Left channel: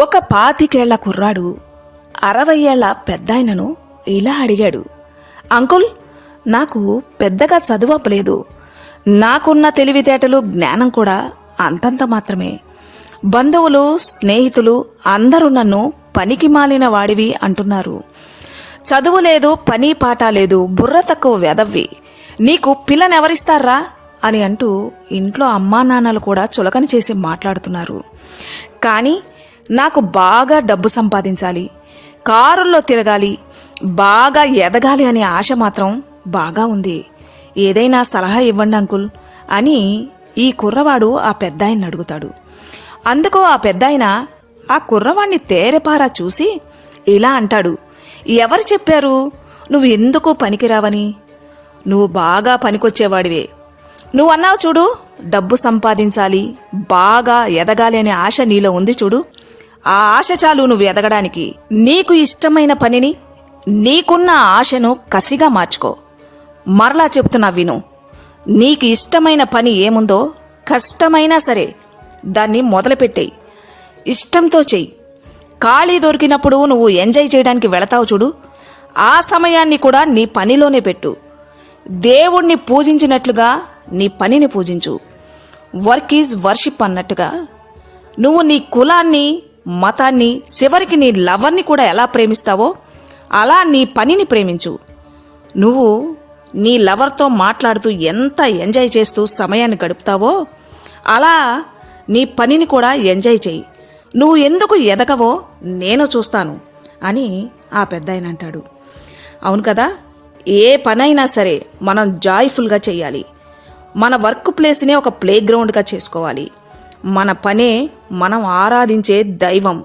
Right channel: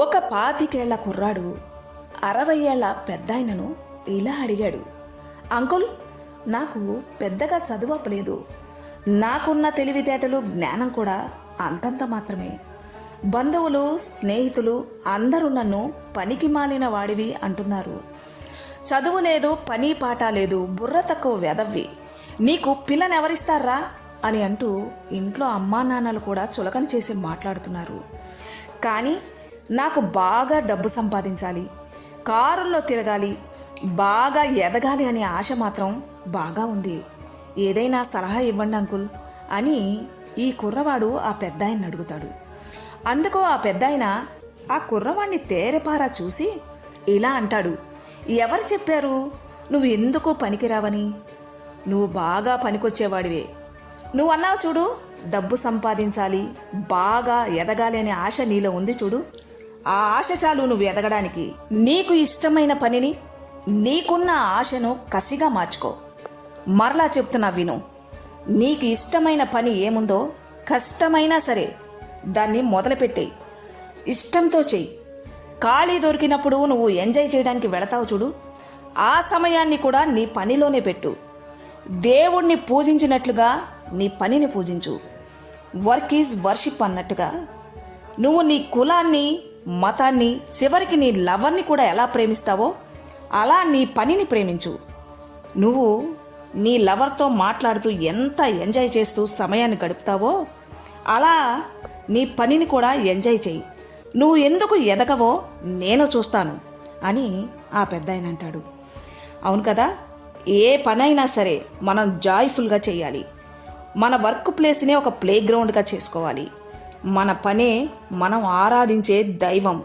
ఒక పాతికేళ్ళ కుర్రాడు అరవై ఏళ్ళ పెద్దాయనను ఇలా అడిగాడు. అంకుల్ నాకు పెద్దగా చదువపలేదు నాకున్న తెలివితేటలు జ్ఞానం కూడా అంతంత మాత్రమే. బంధువులు స్నేహితులు అందరూ నన్ను పనికి మాలిన వాడివి అంటున్నారు. చదువు లేదు పని పాట లేదు బుర్ర తక్కువ వెదవ్వి. నీకు పిల్లనెవరిస్తారా? అని అంటూ ఇంట్లో అమ్మా నాన్నలు కూడా చులకన చేసి మాట్లాడుతున్నారు. కానీ నాకు బాగా డబ్బు సంపాదించాలి. కారుల్లో తిరగాలి. బాగా ఎదగాలి అనే ఆశ మాత్రం బాగా ఉంది. ఏదైనా సలహా ఇవ్వండి అంకుల్ అని ఈ కుర్రవాడు ఆ పెద్దాయన్ని అడుగుతాడు. అందుకు ఆ పెద్దాయన ఆ కుర్రవాణ్ణి తేరెపారా చూసి ఇలా అంటాడు. ఎవరు చెప్పారు? నువ్వు ఎందుకు పనికిరావని? నువ్వు బాగా పనికొచ్చేవాడివే. నువ్వు అన్నావు చూడు డబ్బు సంపాదించాలి బాగా ఎదగాలి అనే ఆశ నీలో ఉంది చూడు. ఆ ఆశ చాలు నువ్వు ఎదగడానికి. నీకు ఇష్టమైన పనిని నీకున్న ఆశను కసిగా మార్చుకో. మరలా చెప్తున్నా విను. నీకు ఇష్టమైన పని ఏముందో కష్టమైనా సరే దాన్ని మొదలుపెట్టేయి. ఇష్టంతో చెయ్యి. ఖాళీ దొరికినప్పుడు నువ్వు ఎంజాయ్ చేయడానికి వెళతావు చూడు. ఆ సమయాన్ని కూడా నీ పనిలోనే పెట్టు. దేవుణ్ణి పూజించినట్లుగా నీ పనిని పూజించు. వర్క్ ఈజ్ వర్షిప్ అన్నట్టుగా. నువ్వు నీ కులాన్ని మతాన్ని చివరికి నీ లవర్ని కూడా ఎలా ప్రేమిస్తావో అలా నీ పనిని ప్రేమించు. నువ్వు నీ లవర్తో మాట్లాడుతూ ఎంత ఎంజాయ్ చేస్తూ సమయాన్ని గడుపుతావో అలా నీ పనిని కూడా ఎంజాయ్ చేయి. నువ్వు ఎందుకు ఎదగవో నేను చూస్తాను అని ఆ పెద్దాయన అంటాడు. అవును కదా ఏ పనైనా సరే మనం జాయ్ఫుల్గా చేయాలి. మన వర్క్ ప్లేస్నే ఒక ప్లే గ్రౌండ్గా చేసుకోవాలి. మన పనే మనం ఆరాధించే దైవం.